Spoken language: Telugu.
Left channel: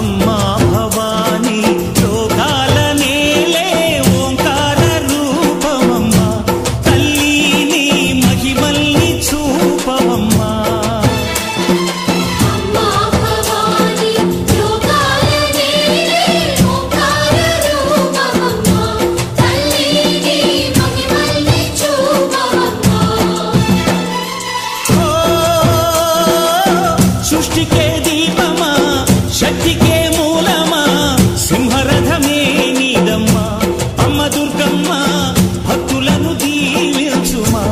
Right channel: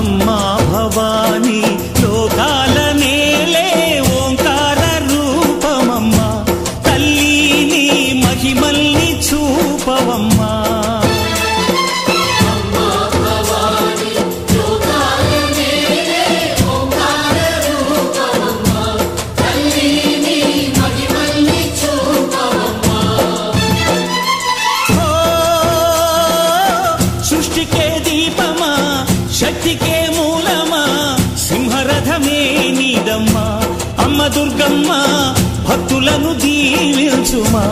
అమ్మా భవాని లోకాల నేలే ఓంకార రూపమమ్మా తల్లిని మహిమల్ని చూపవమ్మా సృష్టికే దీపమా శక్తికే మూలమా సింహరథమే నీదమ్మా అమ్మ దుర్గమ్మ భక్తులను దీవించుమా